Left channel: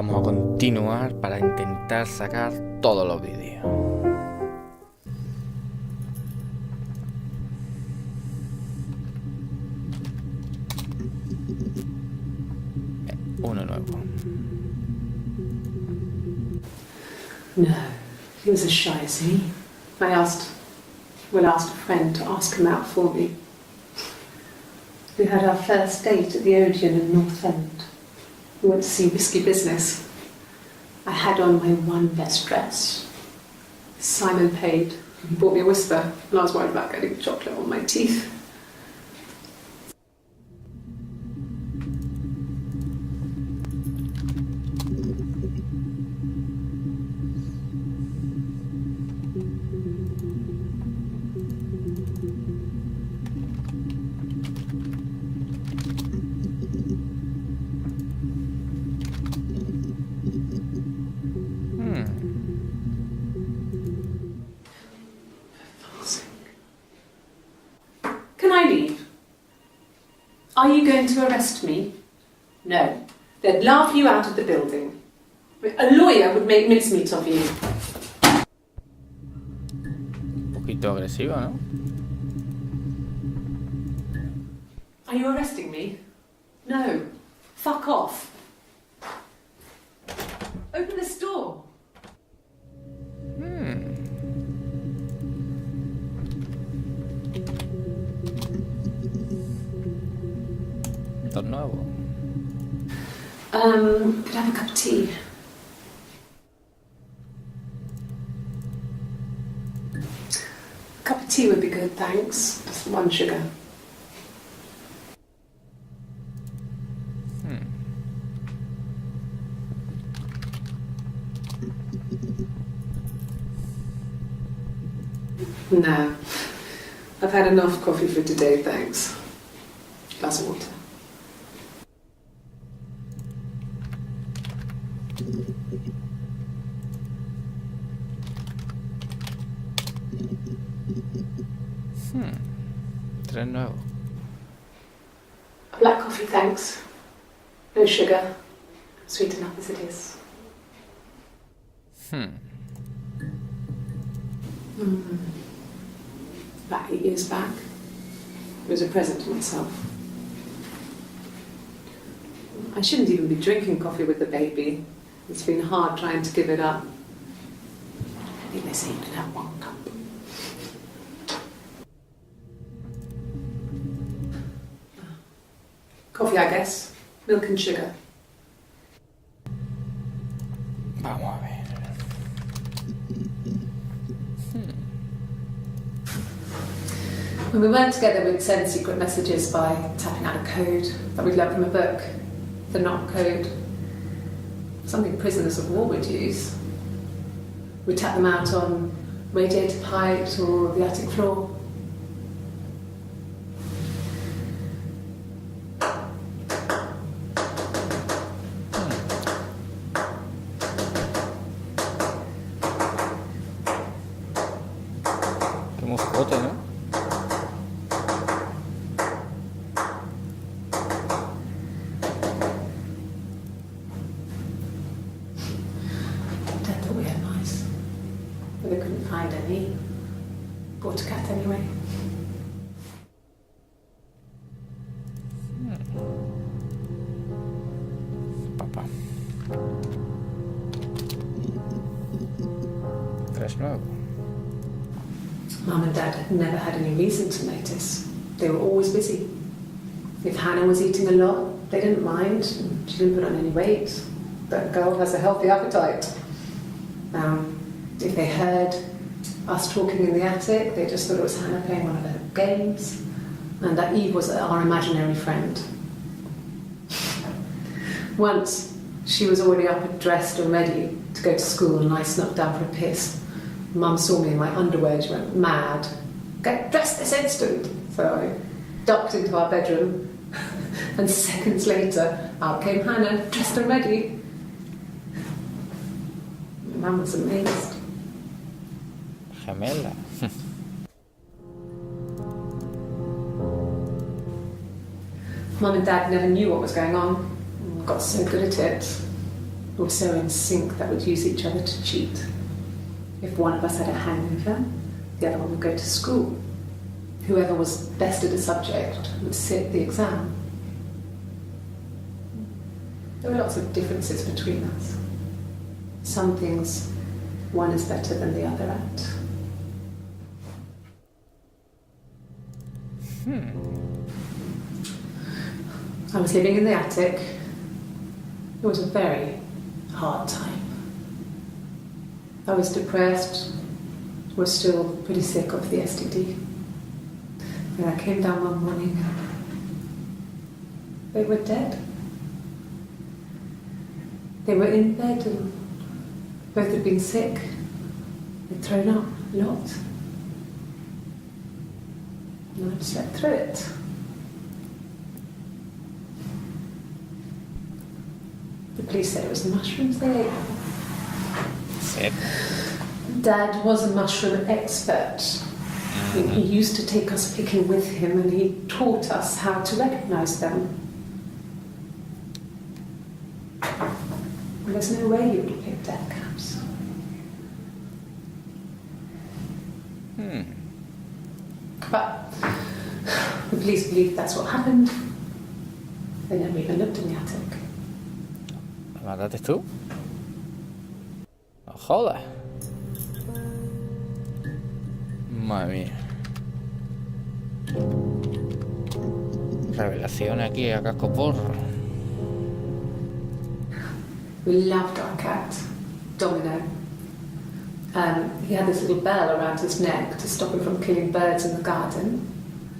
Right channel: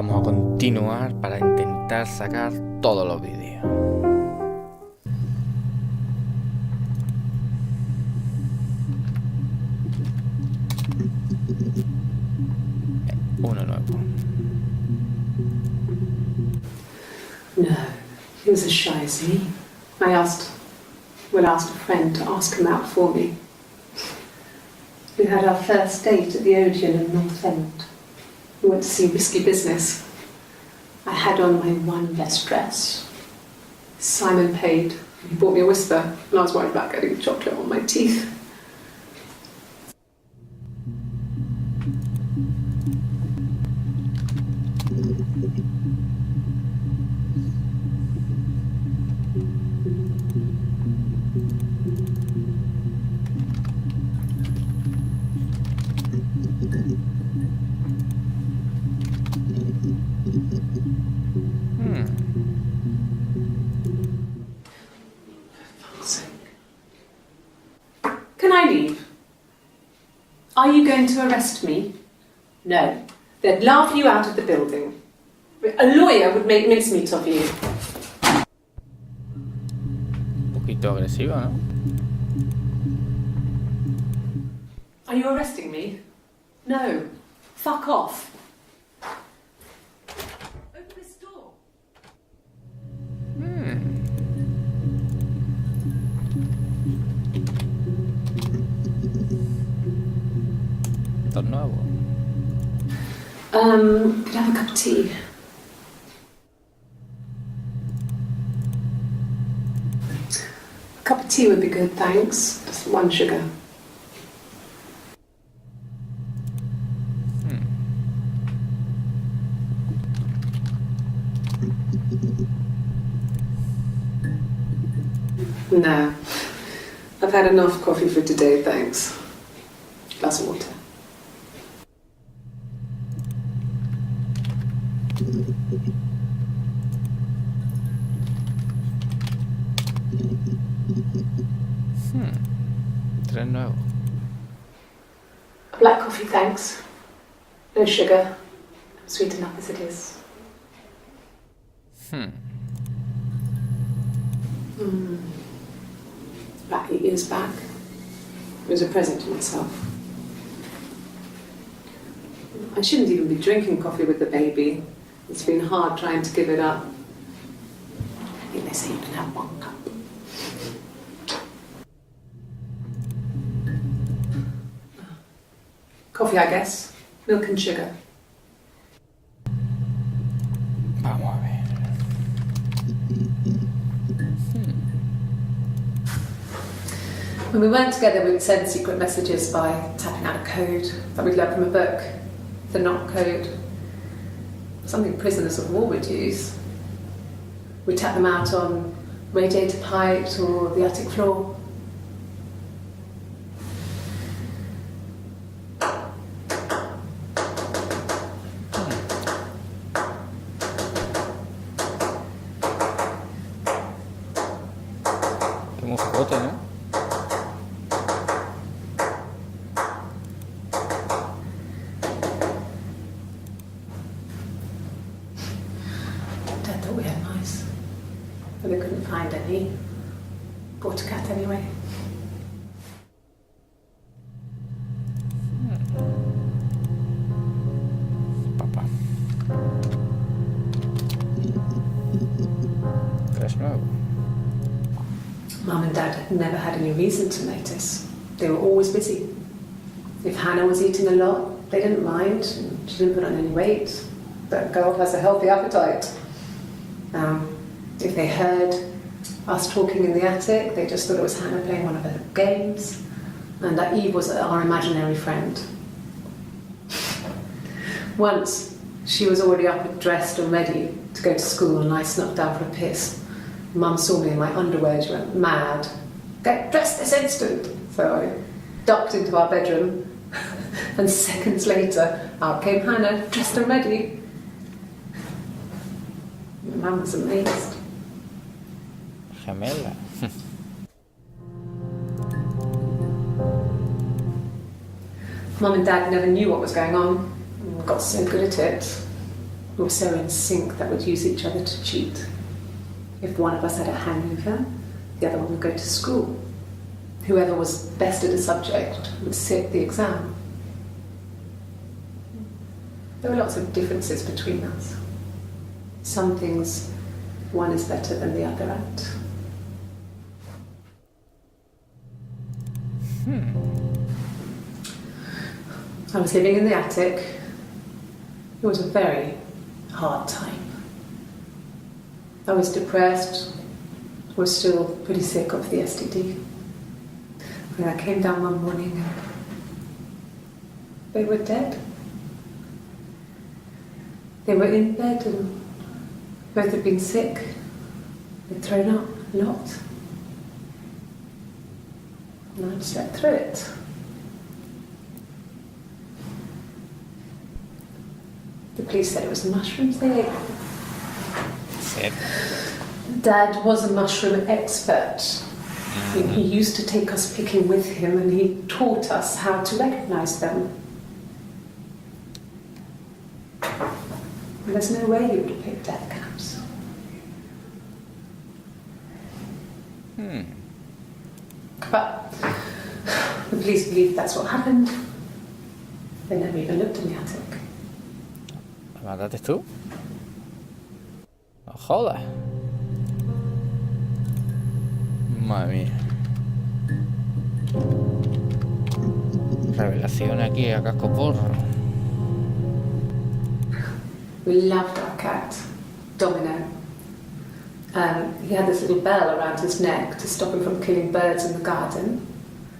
Vamos a continuar para intentar sacar todos los vídeos. Uno nuevo. No, he was as shy as me. I asked a friend to ask him out for me. We had our first date at the Odeon in North End. We went to see Risky Business. I had on my one best dress. Simon paid. He bought me a whisper, and I was worried about getting chocolate on my teeth. Can I leave? Are you going to arrest me? No. They'd laugh you out of the building. A lawyer would make mincemeat of you. Un poquito agresivo, ¿no? Are you arresting me? No. Fuck off. Open this door. Esto es nuevo. Could I have a cup of tea? A cup of tea would be good, thanks. Just one sugar. No. I've had enough coffee for today, thanks. Glass of water. Tres nuevos. A black coffee, thanks. No sugar. Sweet enough as it is. About 8 years back. It was a present to myself. I shouldn't even be drinking coffee with the baby. It's been hard trying to give it up. I think they say you can have one cup. Coffee, I guess. Milk and sugar. Vamos a ver. When we weren't together, we'd send secret messages by tapping out a code that we'd learned from a book, the knock code. Something prisoners of war would use. We'd tap them out on radiator pipes or the attic floor. Qué musicote, ¿no? Dad thought we had mice, but they couldn't find any. Bought a cat anyway. Papá. Tres nuevos. Mum and Dad had never had any reason to notice. They were always busy. If Hannah was eating a lot, they didn't mind. She didn't put on any weight. That girl has a healthy appetite. If they heard us talking in the attic, they just thought it was Hannah playing one of her games, and that Eve was our imaginary friend. Once, she was already up and dressed and ready to go to school, and I snuck down for a piss. Mum saw me in my underwear and she went mad. Get dressed this instant! So I ducked into our bedroom, and seconds later, out came Hannah, dressed and ready. Mum was amazed. Gemela. Mum and Dad never knew what was going on. Got so good at it. We were so in sync that we'd use each other to cheat. If one of us had a hangover, the other one would go to school. Whoever was best at a subject would sit the exam. There were lots of differences between us. Some things one is better than the other at. I was living in the attic. It was a very hard time. I was depressed, was still pretty sick of the STD. And I came down one morning and they were dead. They were in bed and both had been sick. They'd thrown up a lot. And I'd slept through it. The police said it was the mushrooms they ate. Said. Dad was a mushroom expert. He used to take us picking with him and he taught us how to recognise them. And there's no way he would have picked death caps. But the police believe that's what happened. They never even looked in the attic. ¿Lo mataste tú? No jodas. Madre mía. Revelación aquí a casco porro. We loved our cat, Domino. He had this little bell around his neck to stop him from killing birds in the garden.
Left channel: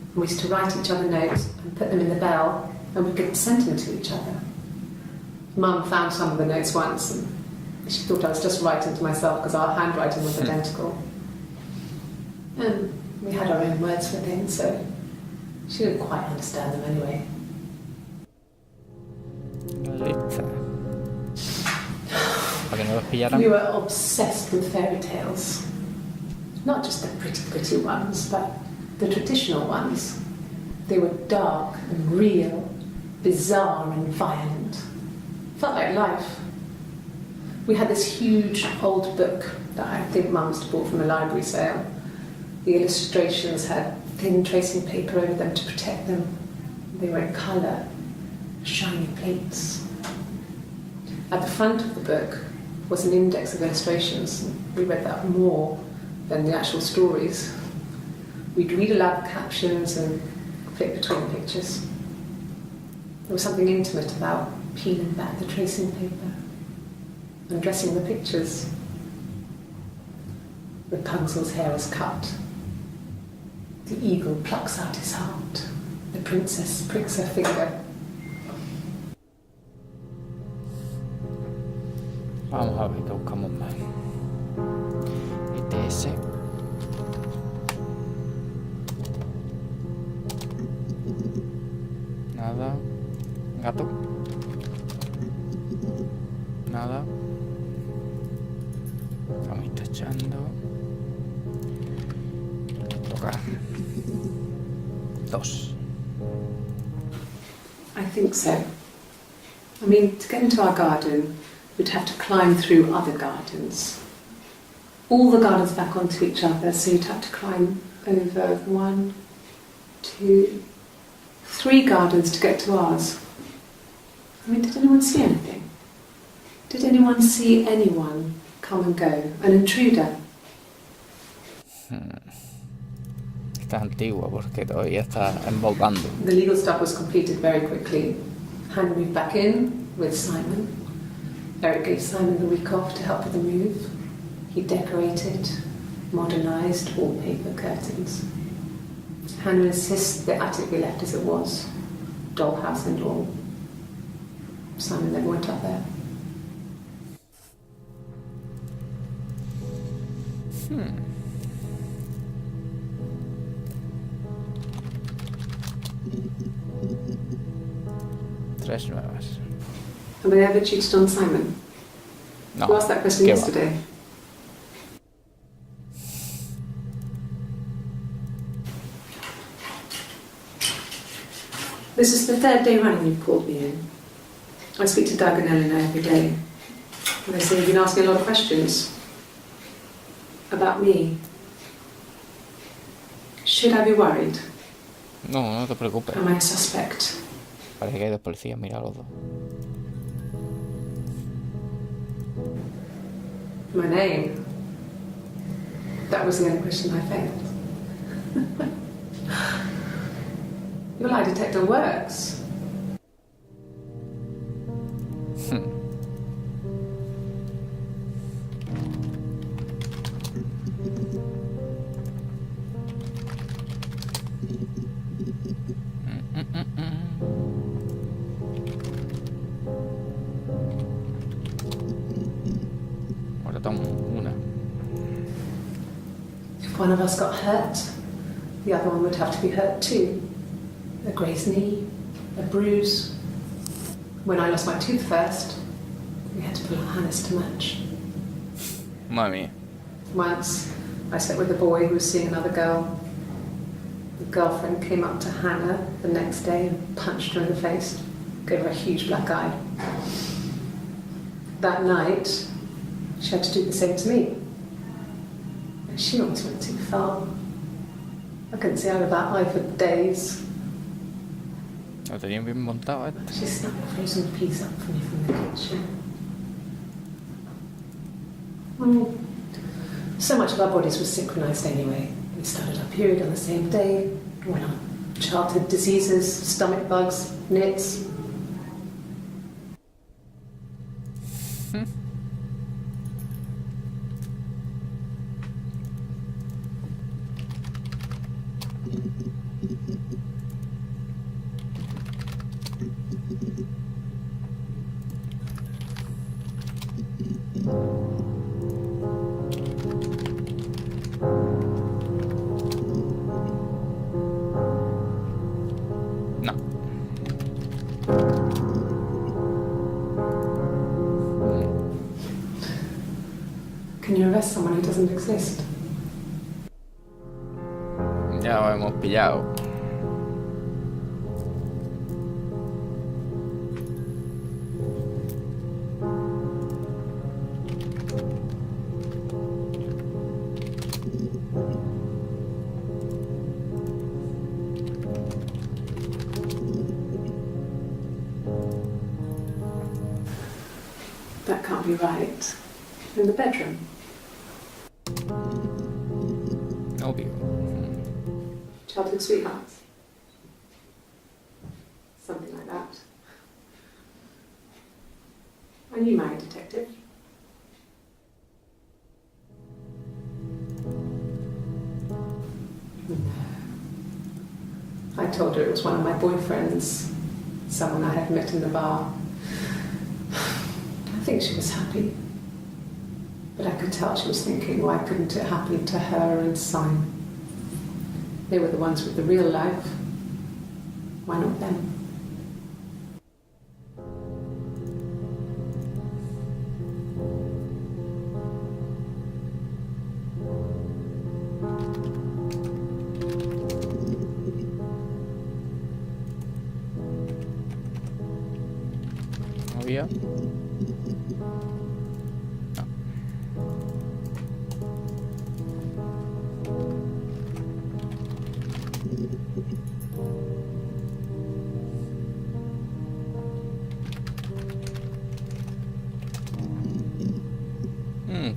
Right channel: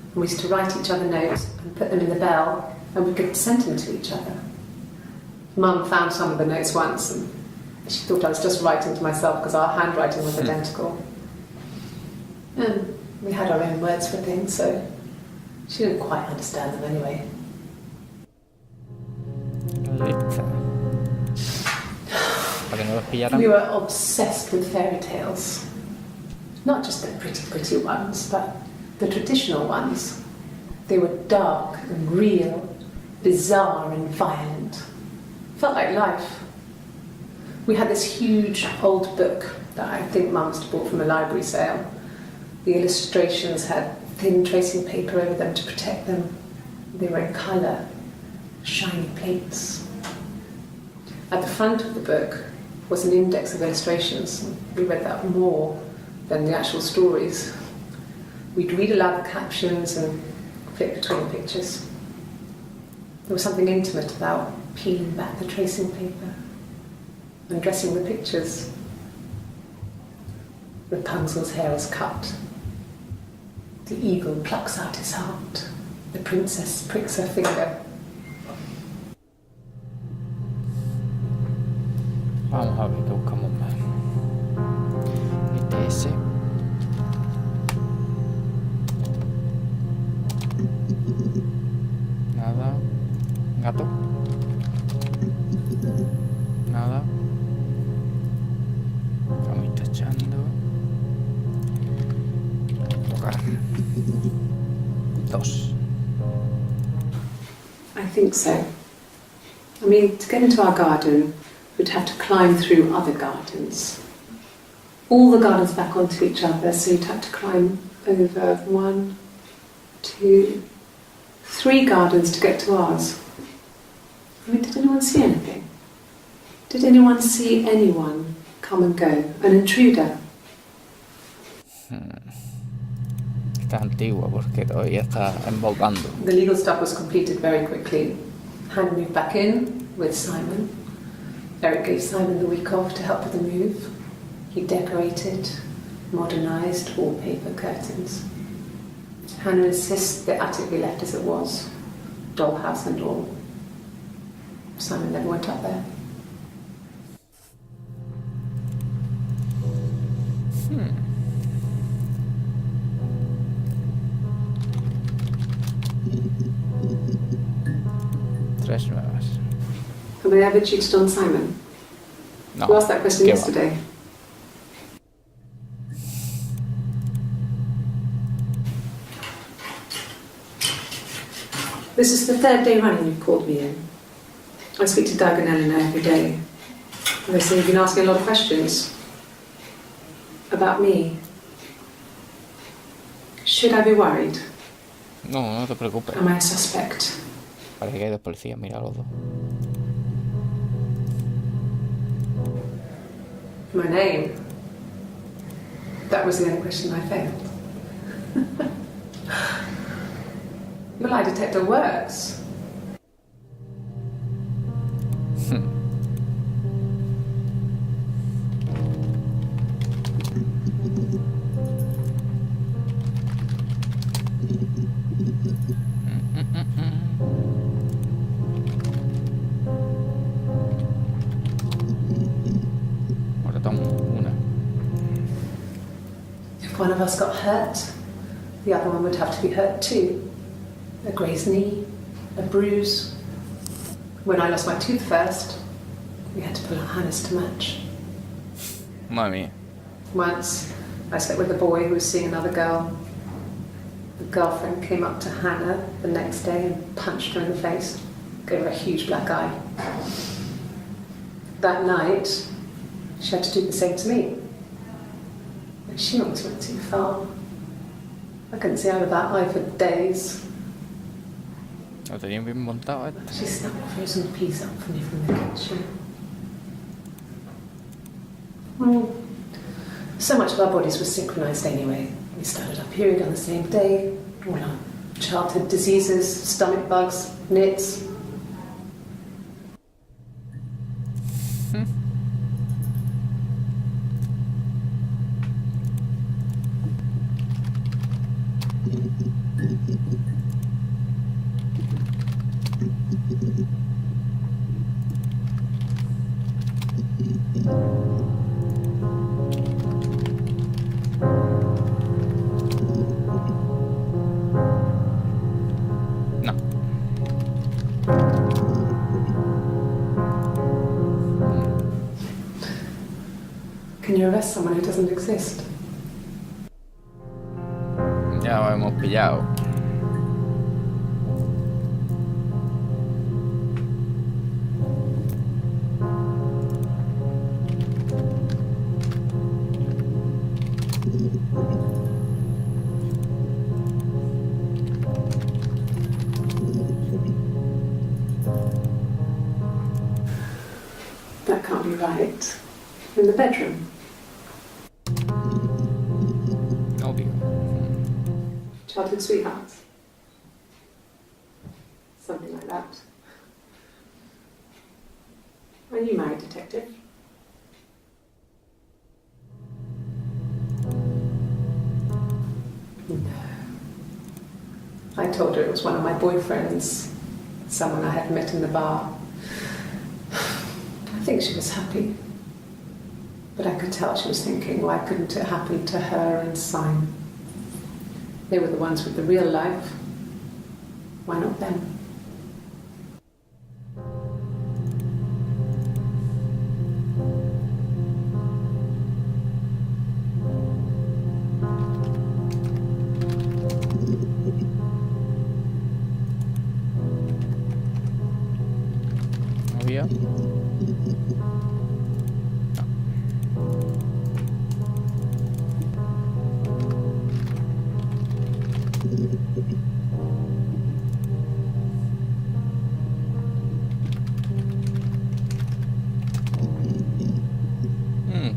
And we used to write each other notes and put them in the bell, and we could send them to each other. Mum found some of the notes once, and she thought I was just writing to myself because our handwriting was identical. And we had our own words for things, so she didn't quite understand them anyway. Lista. Para que no los pillaran. We were obsessed with fairy tales. Not just the pretty, pretty ones, but the traditional ones. They were dark and real, bizarre and violent. Felt like life. We had this huge old book that I think Mum must have bought from a library sale. The illustrations had thin tracing paper over them to protect them. They were in colour, shiny plates. At the front of the book was an index of illustrations. We read that more than the actual stories. We'd read aloud the captions and flip between the pictures. There was something intimate about peeling back the tracing paper, undressing the pictures. Rapunzel's hair is cut. The eagle plucks out his heart. The princess pricks her finger. Vamos a ver qué buscamos más. Ese. Nada. Gato. Nada. Estamos tachando. Tocar. 2. I think so. I mean, to get into our garden, we'd have to climb through other gardens. All the gardens back onto each other, so you'd have to climb over 1, 2, 3 gardens to get to ours. I mean, did anyone see anything? Did anyone see anyone come and go? An intruder? Esta es antigua porque todavía está embocando. The legal stuff was completed very quickly. Hannah moved back in with Simon. Eric gave Simon the week off to help with the move. He decorated, modernised wallpaper, curtains. Hannah insists the attic be left as it was, dollhouse and all. Simon never went up there. Tres nuevas. Have I ever cheated on Simon? No. You asked that question ¿Qué va? yesterday. This is the 3rd day running you've called me in. I speak to Doug and Eleanor every day. They say you've been asking a lot of questions about me. Should I be worried? No, no te preocupes. Am I a suspect? Parece que hay dos policías, mira los dos. My name? That was the only question I failed. Your lie detector works. Ahora tomo una. If one of us got hurt, the other one would have to be hurt too. A grazed knee, a bruise. When I lost my tooth first, we had to pull our harness to match. Madre mía. Once, I slept with a boy who was seeing another girl. The girlfriend came up to Hannah the next day and punched her in the face, gave her a huge black eye. That night, she had to do the same to me. And she almost went too far. I couldn't see out of that eye for days. Lo tenían bien montado, ¿eh? She snapped a frozen piece up for me from the kitchen. So much of our bodies was synchronized anyway. We started our period on the same day, went on childhood diseases, stomach bugs, nits. No. Can you arrest someone who doesn't exist? Ya lo hemos pillado. That can't be right. In the bedroom. Obvio. Childhood sweethearts. Something like that. Are you married, detective? No. I told her it was one of my boyfriends, someone I had met in the bar. I think she was happy. But I could tell she was thinking, why couldn't it happen to her and Simon? They were the ones with the real life. Why not them? Obvio.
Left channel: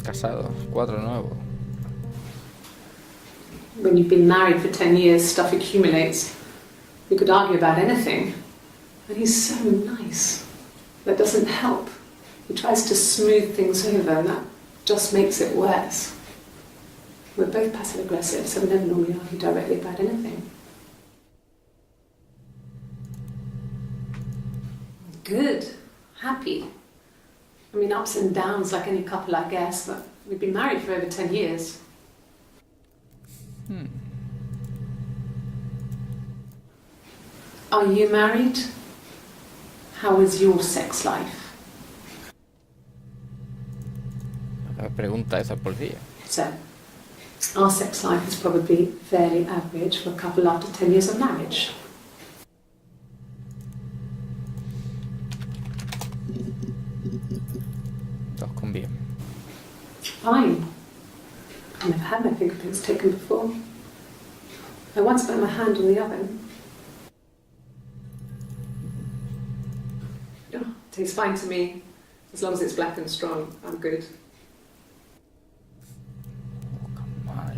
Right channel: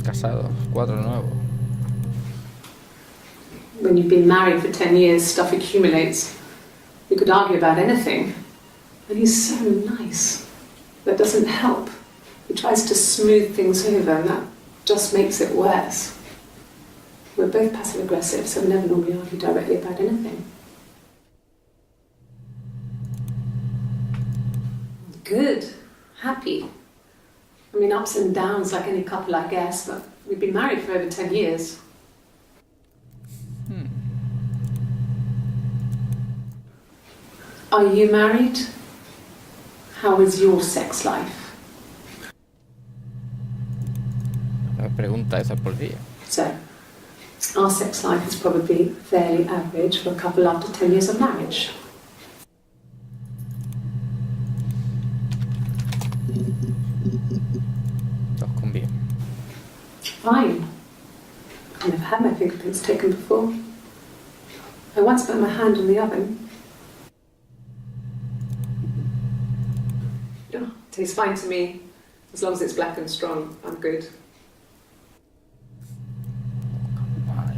Casados, 4 nuevos. When you've been married for 10 years, stuff accumulates. You could argue about anything. And he's so nice. That doesn't help. He tries to smooth things over, and that just makes it worse. We're both passive-aggressive, so we never normally argue directly about anything. Good. Happy. I mean, ups and downs like any couple, I guess, but we've been married for over 10 years. Are you married? How is your sex life? La pregunta esa es policía. So, our sex life is probably fairly average for a couple after 10 years of marriage. Todos con bien. Fine. I've never had my fingerprints taken before. I once burnt my hand on the oven. Oh, tastes fine to me. As long as it's black and strong, I'm good. Mal.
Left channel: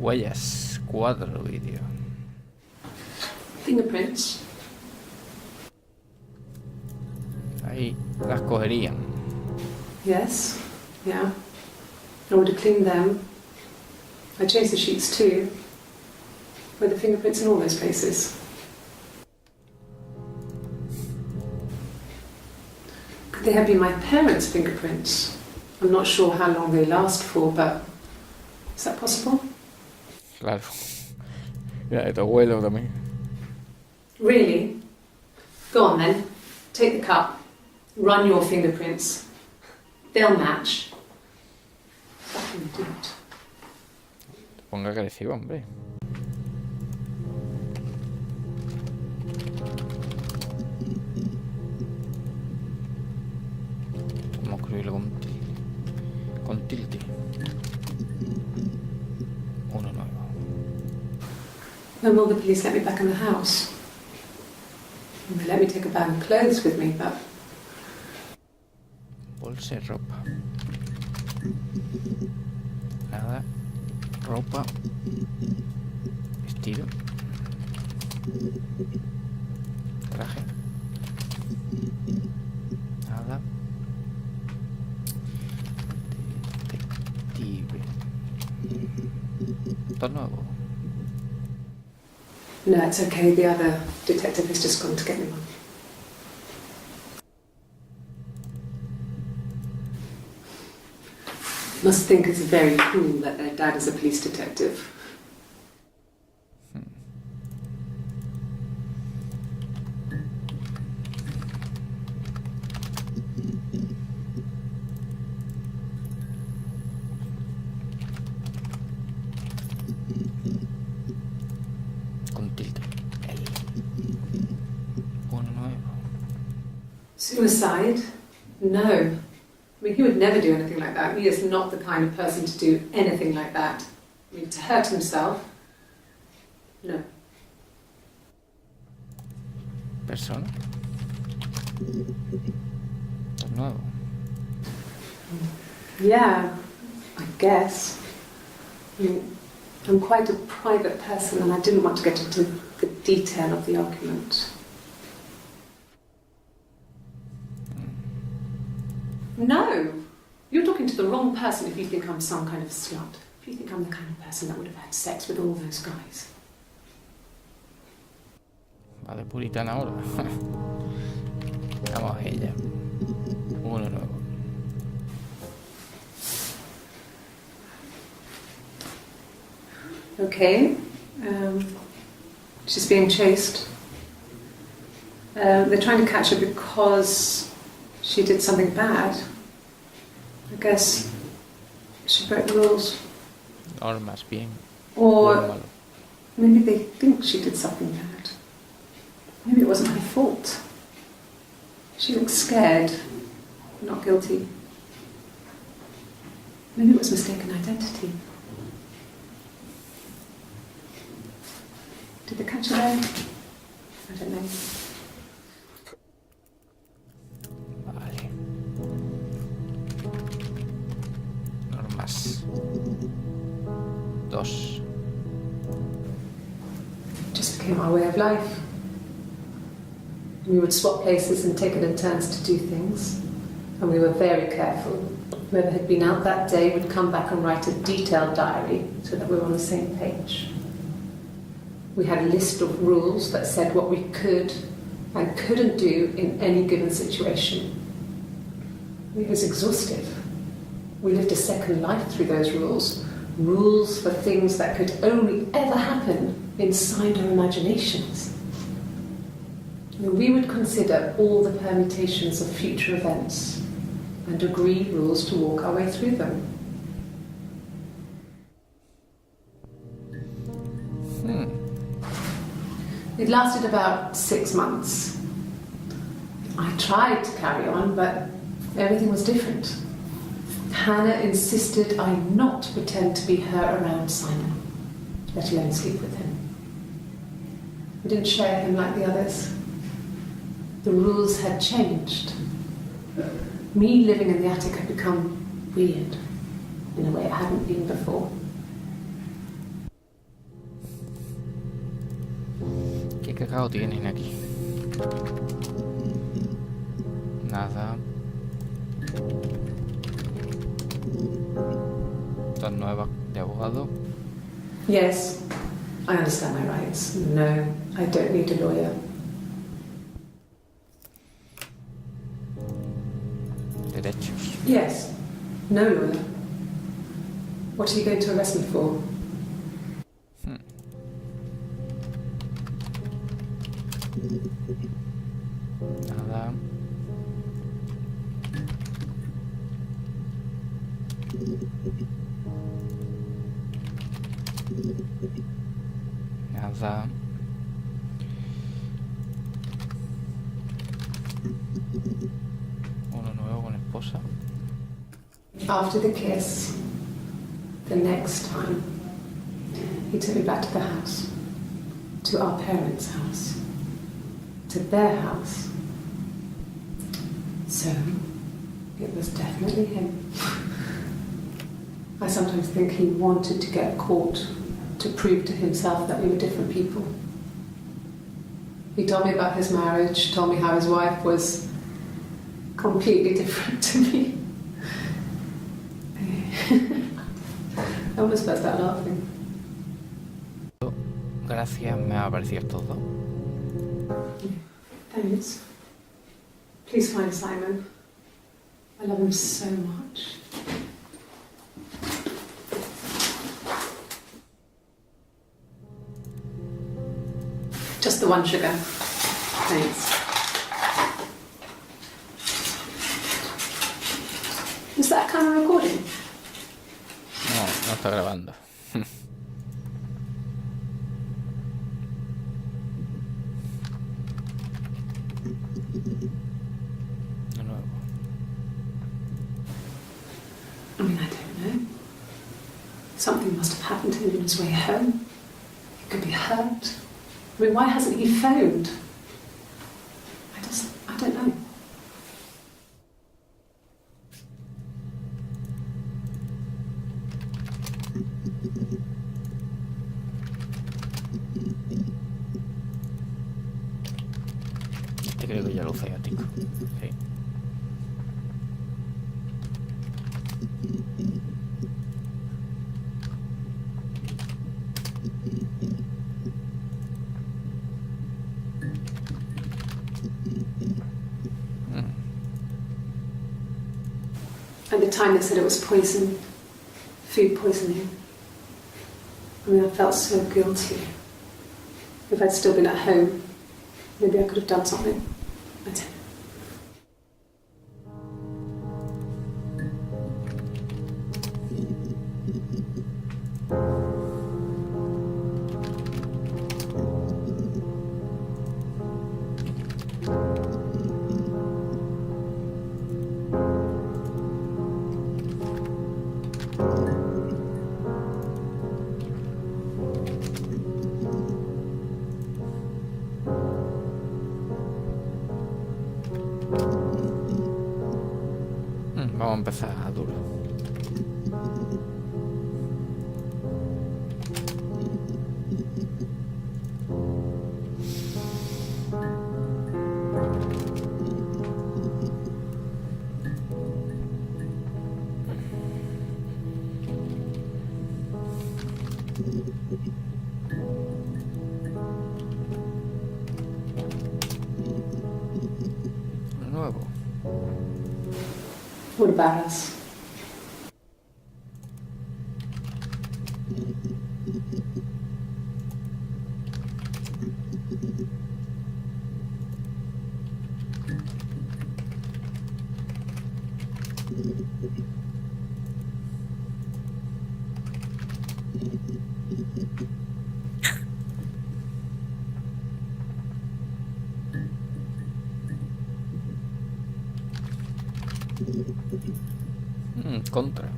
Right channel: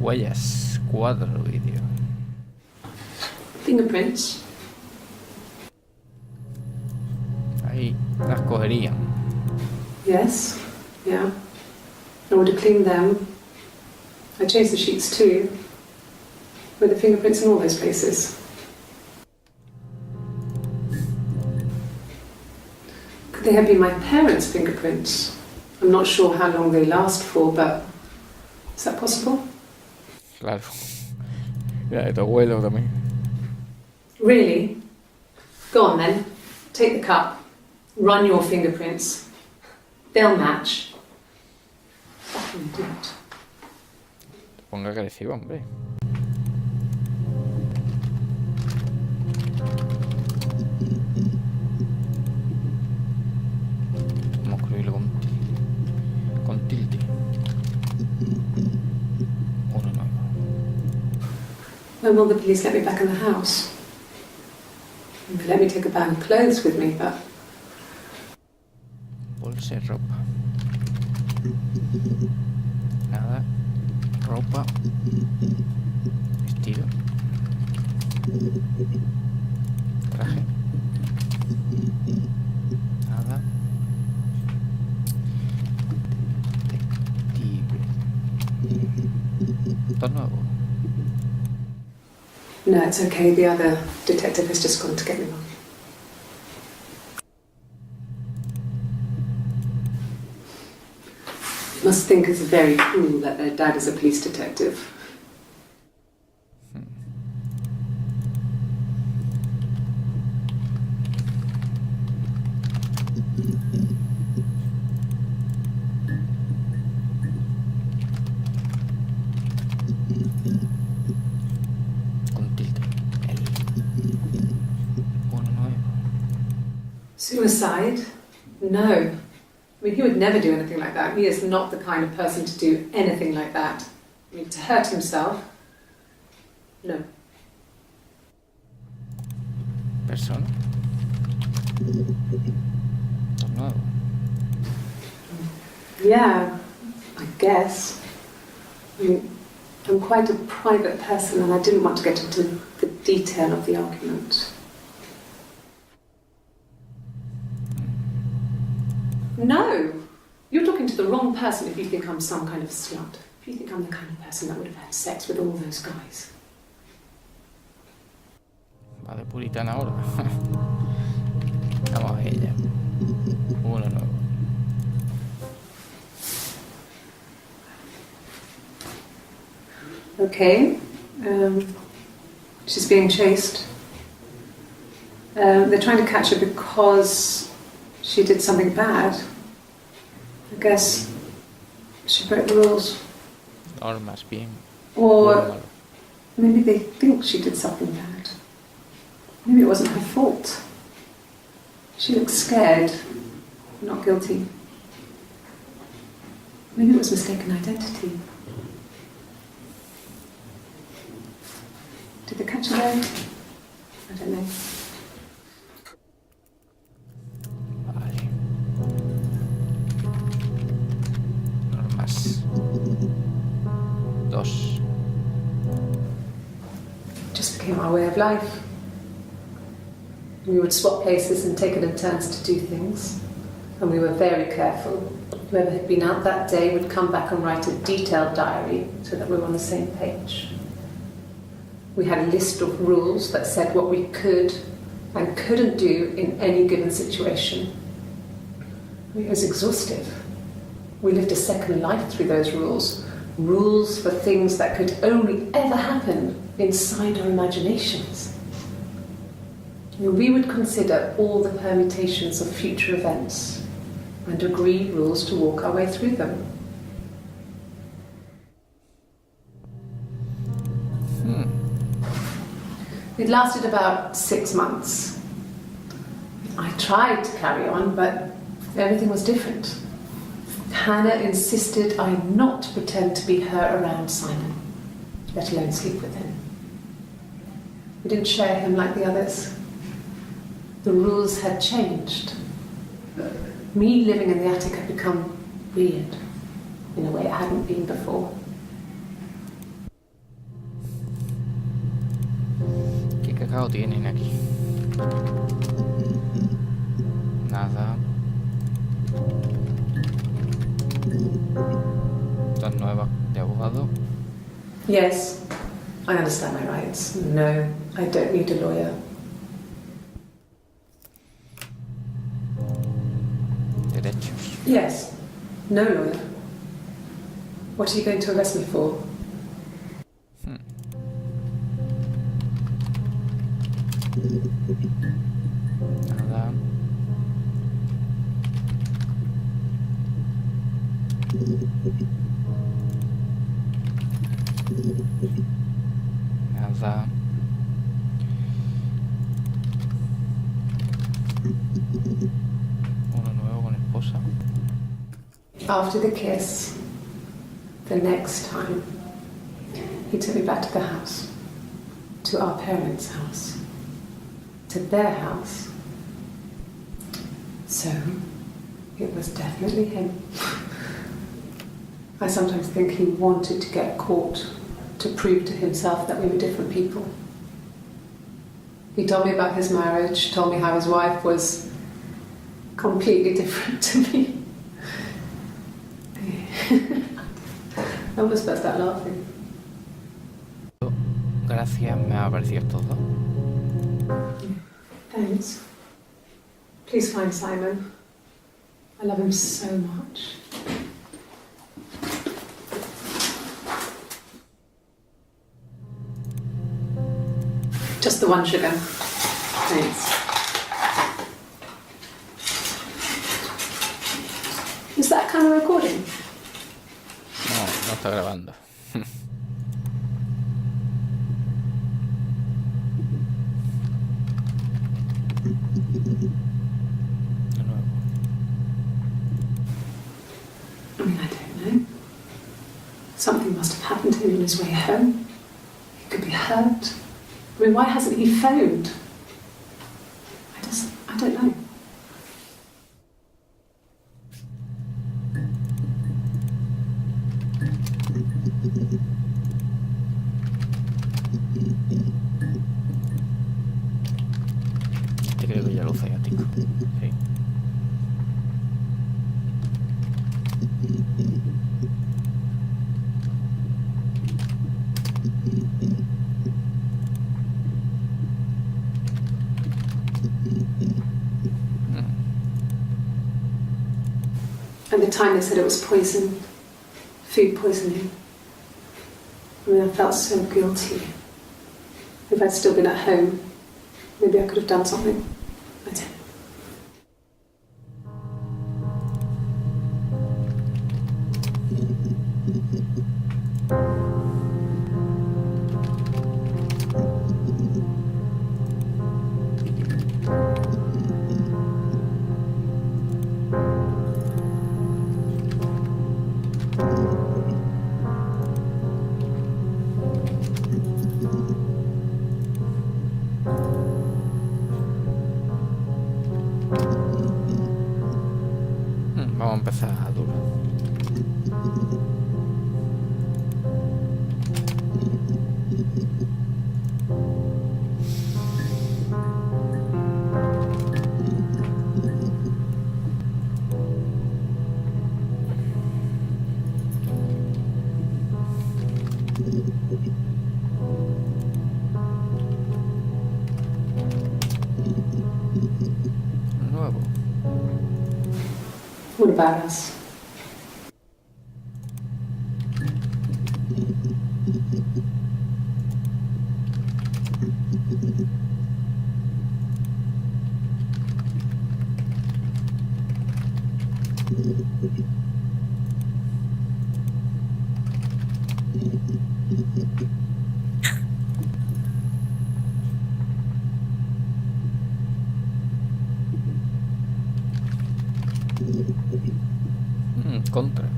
Huellas, cuadro vídeo. Fingerprints. Ahí las cogerían. Yes. Yeah. I would have cleaned them. I changed the sheets too. With the fingerprints in all those places. Could they have been my parents' fingerprints? I'm not sure how long they last for, but is that possible? Claro. Ya, de tu abuelo también. Really? Go on then. Take the cup. Run your fingerprints. They'll match. Fucking idiot. Ponga agresivo, hombre. Vamos a escribirlo con tilde. Uno nuevo. When will the police let me back in the house? They let me take a bag of clothes with me, but Bolsa y ropa. Nada. Ropa. Vestido. Traje. Nada. Detective. Todo nuevo. no, it's okay. The other detective has just gone to get me one. Must think it's very cool that their dad is a police detective. Con tilde. Uno nuevo. Suicide? No. I mean, he would never do anything like that. He is not the kind of person to do anything like that. I mean, to hurt himself? No. Persona. Todo nuevo. Yeah, I guess. I mean, I'm quite a private person and I didn't want to get into the detail of the argument. No! You're talking to the wrong person if you think I'm some kind of slut. If you think I'm the kind of person that would have had sex with all those guys. Va de puritana ahora. Vamos a ella. Uno nuevo. Okay. She's being chased. They're trying to catch her because she did something bad. I guess she broke the rules. Normas, bien. Or Bueno, malo. maybe they think she did something bad. Maybe it wasn't her fault. She looks scared, not guilty. Maybe it was mistaken identity. Did they catch her there? I don't know. Vale. Normas. 2. Just became our way of life. We would swap places and take it in turns to do things. And we were very careful. Whoever had been out that day would come back and write a detailed diary so that we were on the same page. We had a list of rules that said what we could and couldn't do in any given situation. I mean, it was exhaustive. We lived a second life through those rules. Rules for things that could only ever happen inside our imaginations. I mean, we would consider all the permutations of future events and agree rules to walk our way through them. It lasted about 6 months. I tried to carry on, but everything was different. Hannah insisted I not pretend to be her around Simon, let alone sleep with him. We didn't share him like the others. The rules had changed. Me living in the attic had become weird in a way it hadn't been before. ¿Qué cacao tienen aquí? Nada. Estas nuevas de abogado. Yes, I understand my rights. No, I don't need a lawyer. Derechos. Yes, no lawyer. What are you going to arrest me for? Nada. Nada. Uno nuevo con esposa. After the kiss, the next time, he took me back to the house, to our parents' house, to their house. So, it was definitely him. I sometimes think he wanted to get caught to prove to himself that we were different people. He told me about his marriage, told me how his wife was completely different to me. I almost burst out laughing. Gracias, me ha parecido todo. Thanks. Please find Simon. I love him so much. Just the one sugar. Thanks. Is that kind of recording? No, no está grabando. De nuevo. I mean, I don't know. Something must have happened to him on his way home. He could be hurt. I mean, why hasn't he phoned? I don't know. Este creo que ya lo usa ático. Sí. At the time they said it was poison, food poisoning. I mean, I felt so guilty. If I'd still been at home, maybe I could have done something. I don't know. Vamos a empezar duro. Nuevo. What about us? Contra.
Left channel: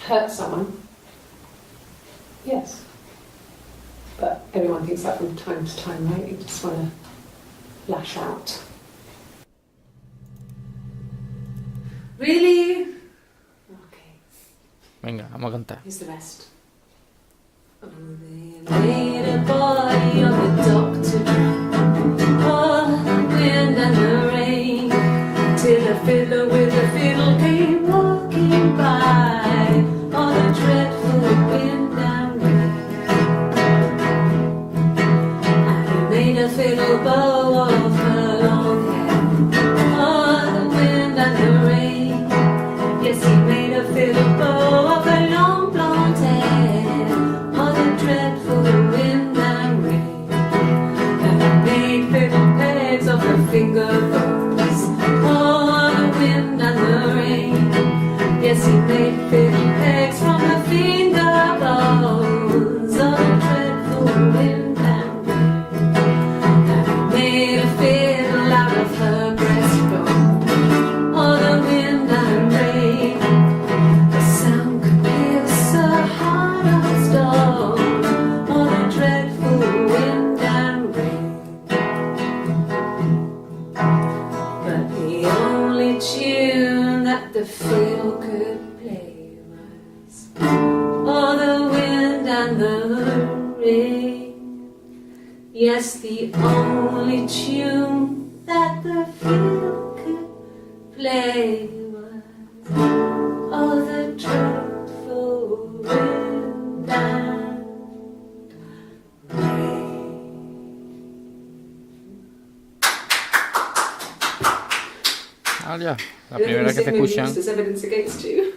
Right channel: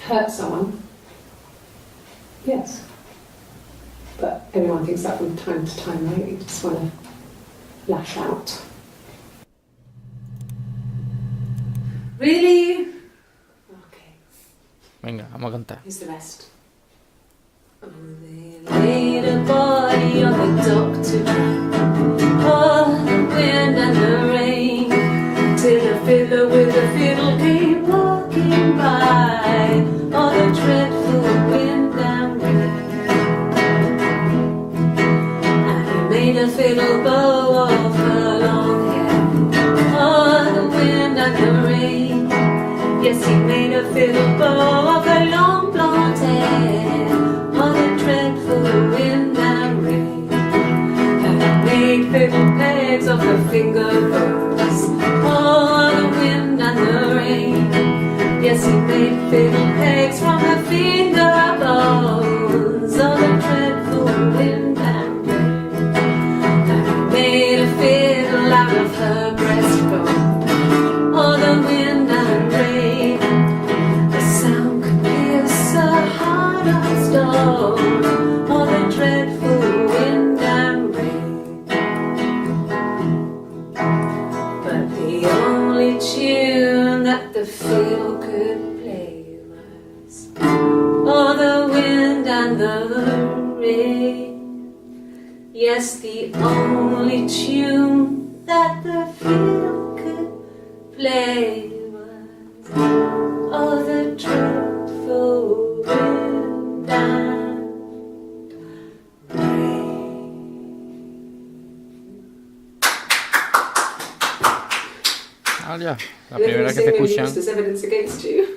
Hurt someone? Yes. But everyone thinks that from time to time, right? You just want to lash out. Really? Okay. Venga, vamos a cantar. Here's the rest. Oh, they laid a body on the dock tonight. Oh, the wind and the rain. Till a fiddler with a fiddle came walking by. Oh, the dreadful wind and rain. And he made a fiddle bow of her long hair. Oh, the wind and the rain. Yes, he made a fiddle bow of her long blonde hair. Oh, the dreadful wind and rain. And he made fiddle pegs of her finger bows. Oh, the wind and the rain. Yes, he made fiddle pegs from her finger bows. Oh, the dreadful wind and rain. And he made a fiddle out of her breastbone. Oh, the wind and rain. The sound could pierce her heart of stone. Oh, the dreadful wind and rain. But the only tune that the fiddle could play was oh, the wind and the rain. Yes, the only tune that the fiddle could play was oh, the dreadful wind and rain. Ah, ya. La primera que te escuchan. There's evidence against you.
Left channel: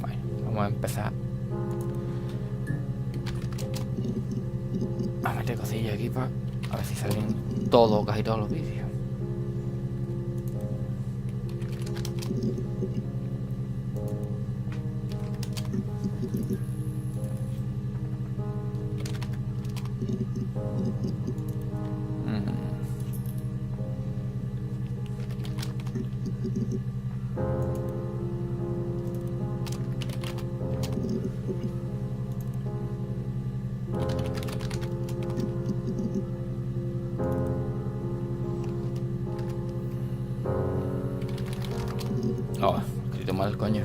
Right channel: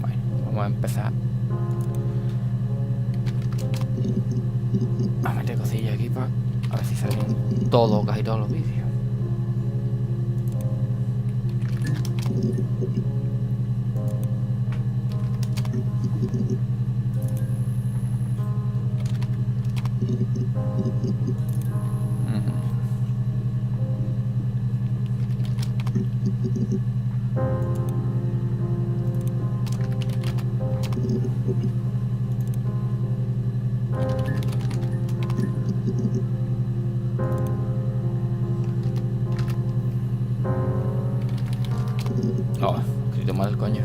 Bueno, vamos a empezar. A meter cosillas aquí para a ver si salen casi todos los vídeos. Oh, escrito mal, coño.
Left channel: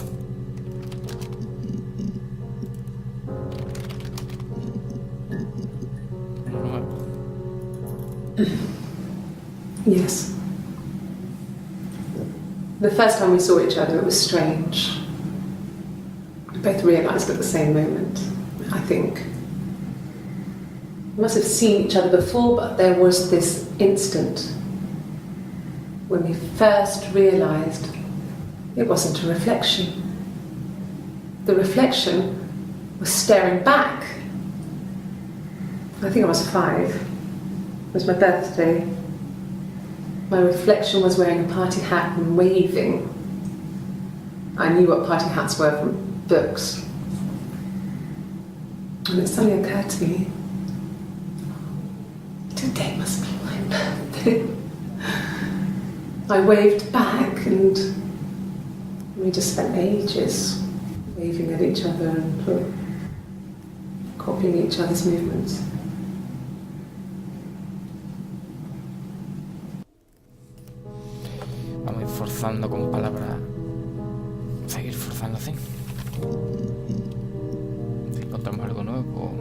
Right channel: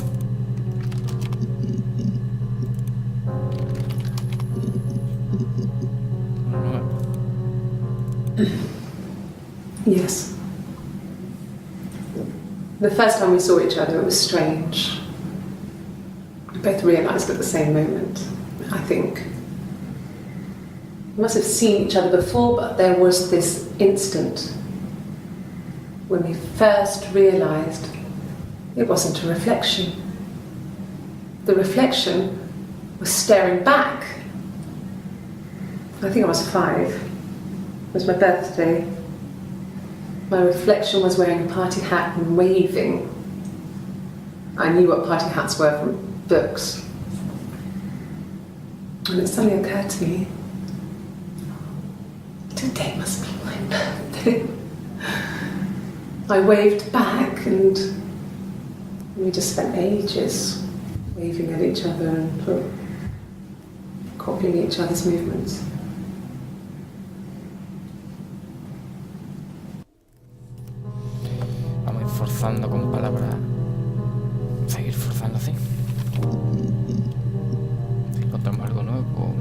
Nuevo. Yes. The first time we saw each other, it was strange. We both realised at the same moment, I think. We must have seen each other before, but there was this instant when we first realised it wasn't a reflection. The reflection was staring back. I think I was 5. It was my birthday. My reflection was wearing a party hat and waving. I knew what party hats were from books. And it suddenly occurred to me, today must be my birthday. I waved back and we just spent ages waving at each other and copying each other's movements. Vamos a ir forzando con palabras. Seguir forzando así. Si encontramos algo nuevo.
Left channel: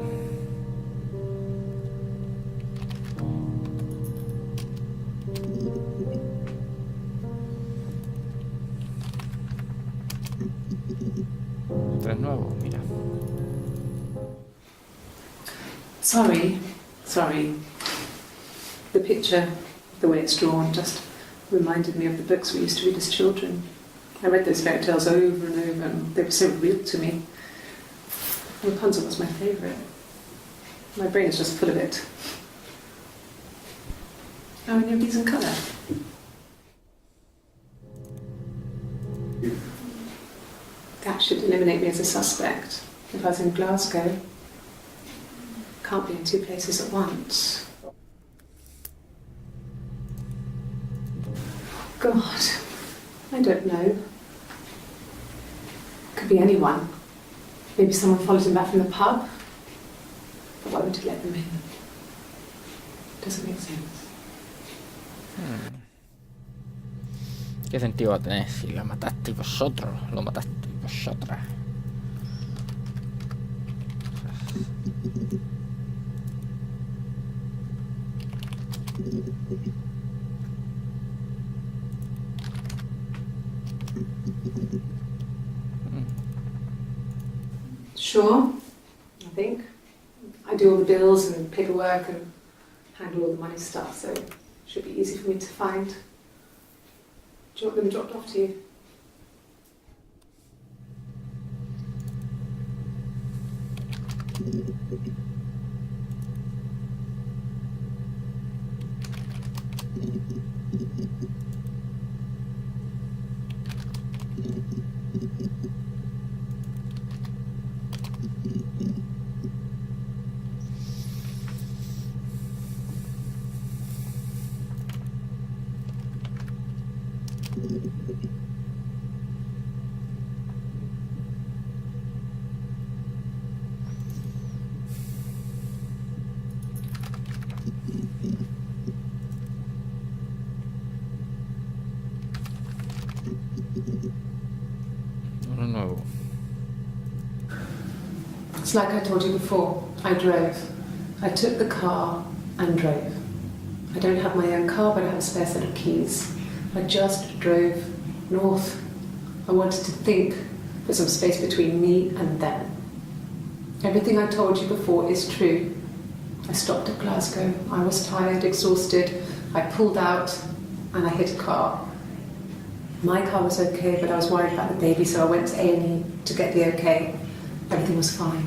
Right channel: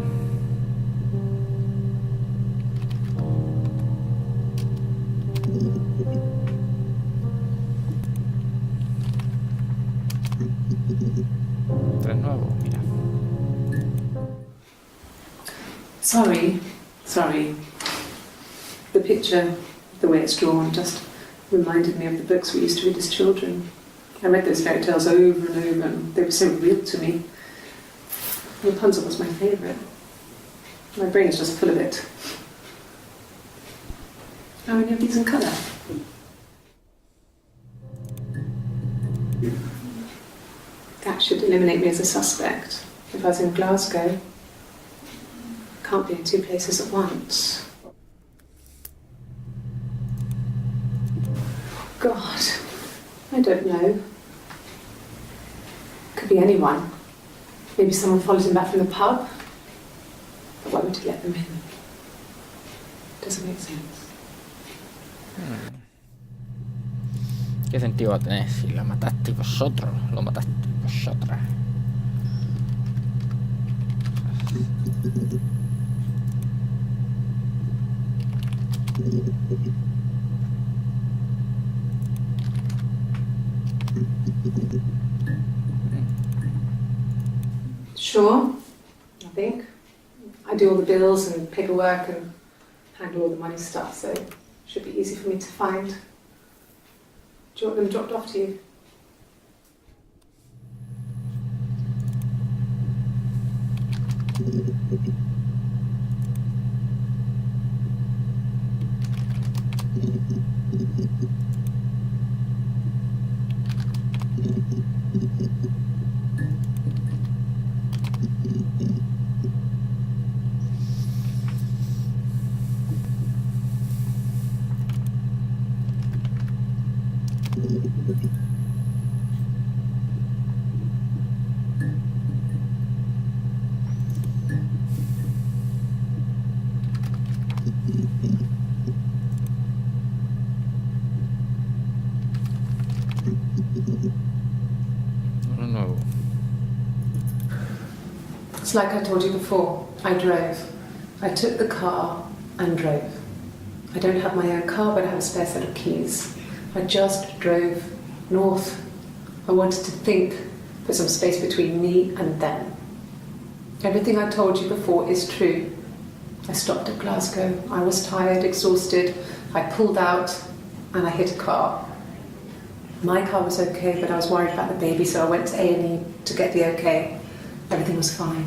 Tres nuevos, mira. Sorry. The picture, the way it's drawn, just reminded me of the books we used to read as children. I read those fairy tales over and over, and they were so real to me. Rapunzel was my favourite. My brain is just full of it. Are any of these in colour? That should eliminate me as a suspect if I was in Glasgow. can't be in two places at once. God, I don't know. Could be anyone. Maybe someone followed him back from the pub. But why would he let them in? Doesn't make sense. ¿Qué sentido va a tener si la mataste vosotros? Lo mataste vosotras. Sure, I think. I do all the bills and paperwork and handle all the money stuff, so it should be easy for me to find. Do you want them dropped off to you? Uno nuevo. It's like I told you before, I drove. I took the car and drove. I don't have my own car, but I have a spare set of keys. I just drove north. I wanted to think, put some space between me and them. Everything I told you before is true. I stopped at Glasgow. I was tired, exhausted. I pulled out and I hit a car. My car was okay, but I was worried about the baby, so I went to A&E to get the okay. Everything was fine.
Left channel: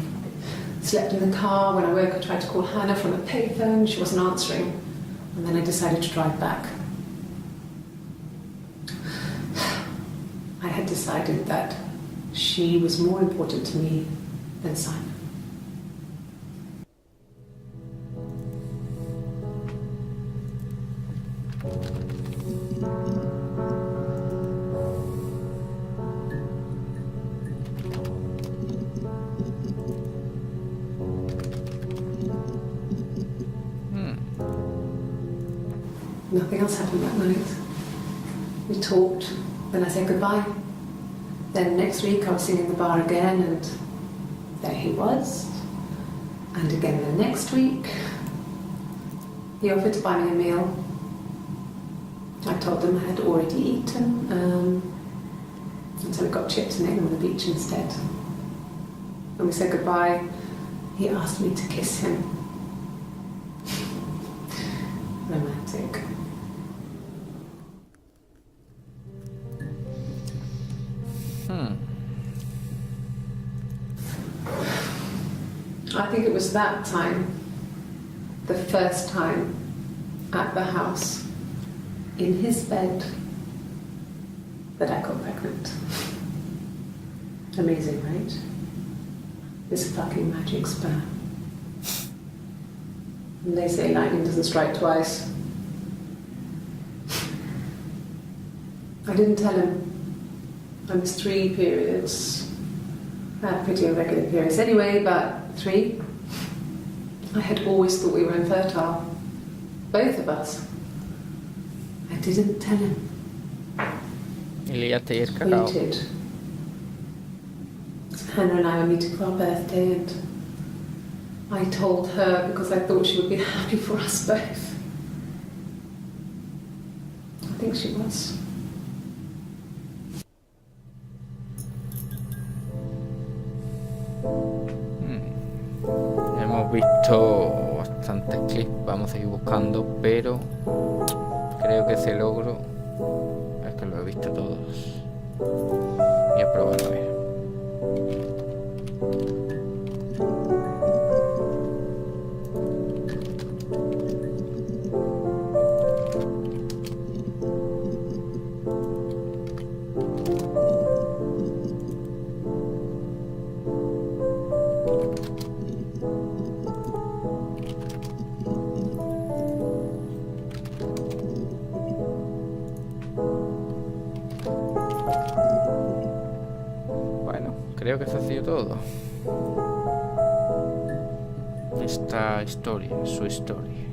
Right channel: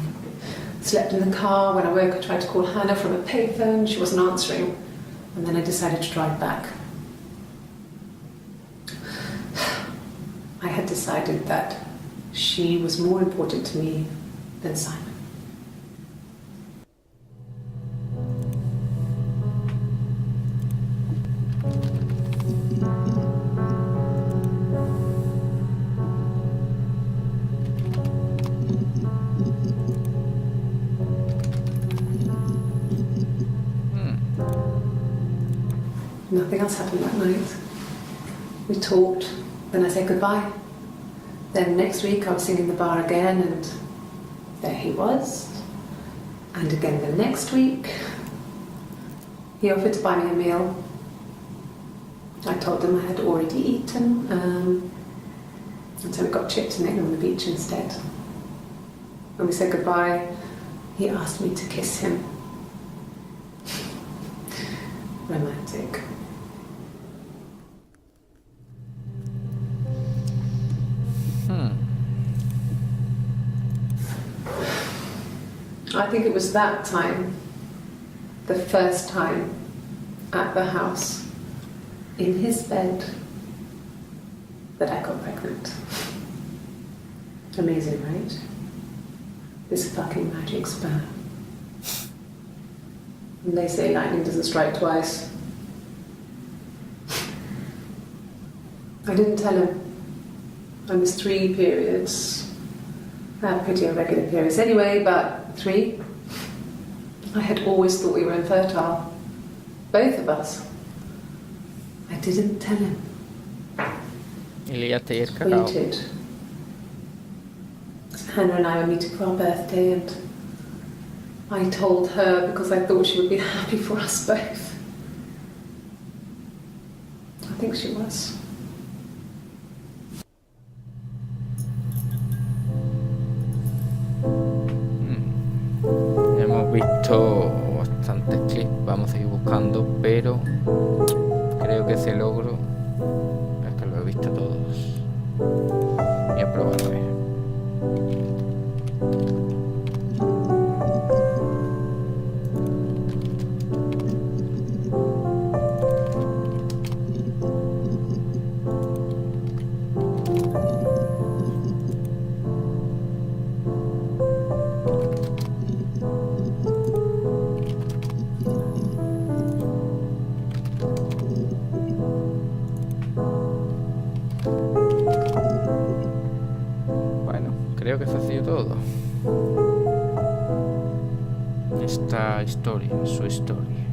Slept in the car. When I woke, I tried to call Hannah from a payphone. She wasn't answering. And then I decided to drive back. I had decided that she was more important to me than Simon. Nothing else happened that night. We talked, then I said goodbye. Then next week I was singing the bar again and there he was. And again the next week, he offered to buy me a meal. I told him I had already eaten, and so we got chips and ate them on the beach instead. When we said goodbye, he asked me to kiss him. Romantic. I think it was that time, the first time at the house, in his bed, that I got pregnant. Amazing, right? This fucking magic sperm. And they say lightning doesn't strike twice. I didn't tell him. I missed 3 periods. I had pretty irregular periods anyway, but 3. I had always thought we were infertile. Both of us. I didn't tell him. Y liaste y el cacao. Waited. Hannah and I were meeting for our birthday and I told her because I thought she would be happy for us both. I think she was. Hemos visto bastantes clips, vamos a seguir buscando, pero creo que ese logro es que lo he visto todos. Voy a probar a ver. creo que eso ha sido todo. Esta historia, su historia.